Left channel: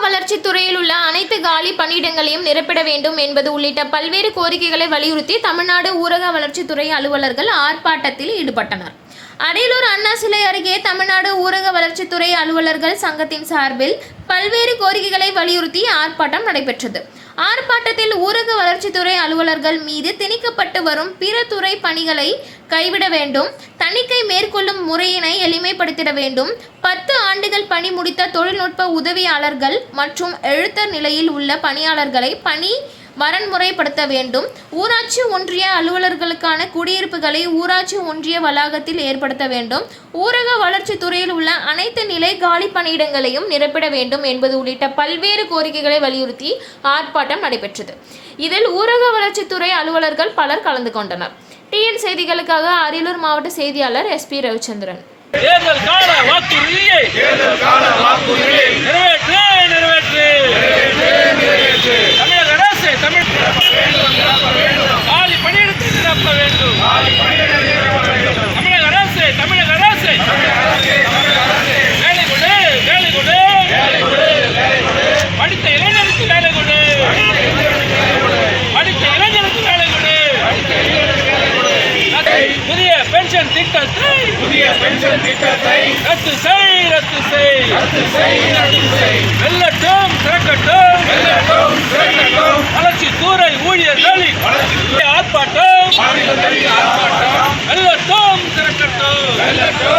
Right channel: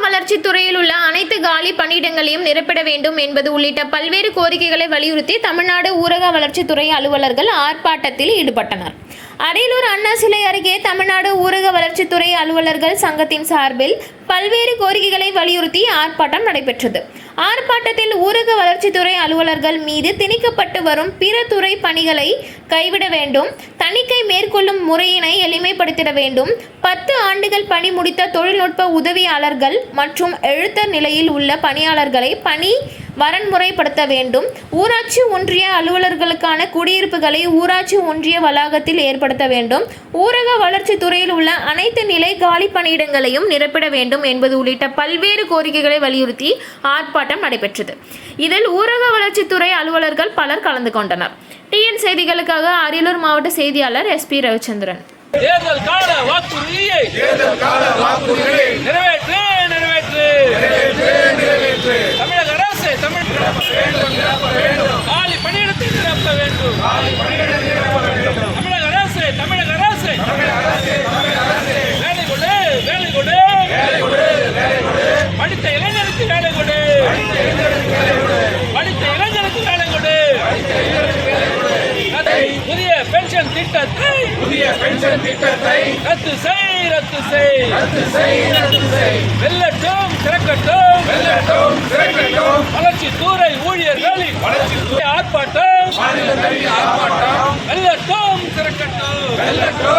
வளர்ச்சித் துறையில் உள்ள அனைத்து காலி பணியிடங்களையும் நிரப்பிட வேண்டும் என்பது உள்ளிட்ட பல்வேறு கோரிக்கைகளை வலியுறுத்தி தமிழ்நாடு ஊரக வளர்ச்சித்துறை அலுவலர்கள் ஆர்ப்பாட்டத்தில் ஈடுபட்டனர். அரியலூர் அண்ணா சிலை அருகே தமிழ்நாடு ஊரக வளர்ச்சித்துறை அலுவலர்கள் சங்கத்தின் சார்பில் பல்வேறு கோரிக்கைகளை வலியுறுத்தி ஆர்ப்பாட்டம் நடைபெற்றது. ஆர்ப்பாட்டத்தில் ஊரக வளர்ச்சித்துறை அலுவலர்கள் மீது திணிக்கப்பட்டு வரும் பிற துறை பணிகளை கைவிட வேண்டும். தணிக்கை மேற்கொள்ளும் முறையினை எளிமைப்படுத்திட வேண்டும். பத்து ஆண்டுகள் பணி முடித்த தொழில்நுட்ப உதவியாளர்கள் மற்றும் எழுத்தர் நிலையில் உள்ள பணியாளர்களை பணி வரன்முறைப்படுத்த வேண்டும். ஊராட்சி ஒன்றிய அலுவலர்களுக்கான குடியிருப்புகளை ஊராட்சி ஒன்றிய வளாகத்தில் ஏற்படுத்த வேண்டும். ஊரக வளர்ச்சித் துறையில் உள்ள அனைத்து நிலை காலி பணியிடங்களையும் நிரப்பிட வேண்டும் என்பது உள்ளிட்ட பல்வேறு கோரிக்கைகளை வலியுறுத்தி ஆர்ப்பாட்டம் நடைபெற்றது. இதில் ஊரக வளர்ச்சித்துறை அலுவலர்கள் பலர் கலந்து கொண்டனர். டிஎன் செய்திகளுக்காக அரியலூர் மாவட்ட செய்தியாளர் எஸ்பி ரவிச்சந்திரன். தேர்தல் கால வாக்குறுதியை நிறைவேற்று புதிய பென்ஷன் திட்டத்தை புதிய பென்ஷன் திட்டத்தை ரத்து செய் ரத்து செய். ரத்து செய் ரத்து செய். வெல்லட்டும் திறக்கட்டும். வெள்ளட்டும் திறக்கட்டும். வளர்ச்சித்துறை ஊழியர்களின் வளர்ச்சி ஆர்ப்பாட்டம். மாநில ஆர்ப்பாட்டம். வெல்லட்டும் திறக்கட்டும். வெள்ளட்டும் திறக்கட்டும்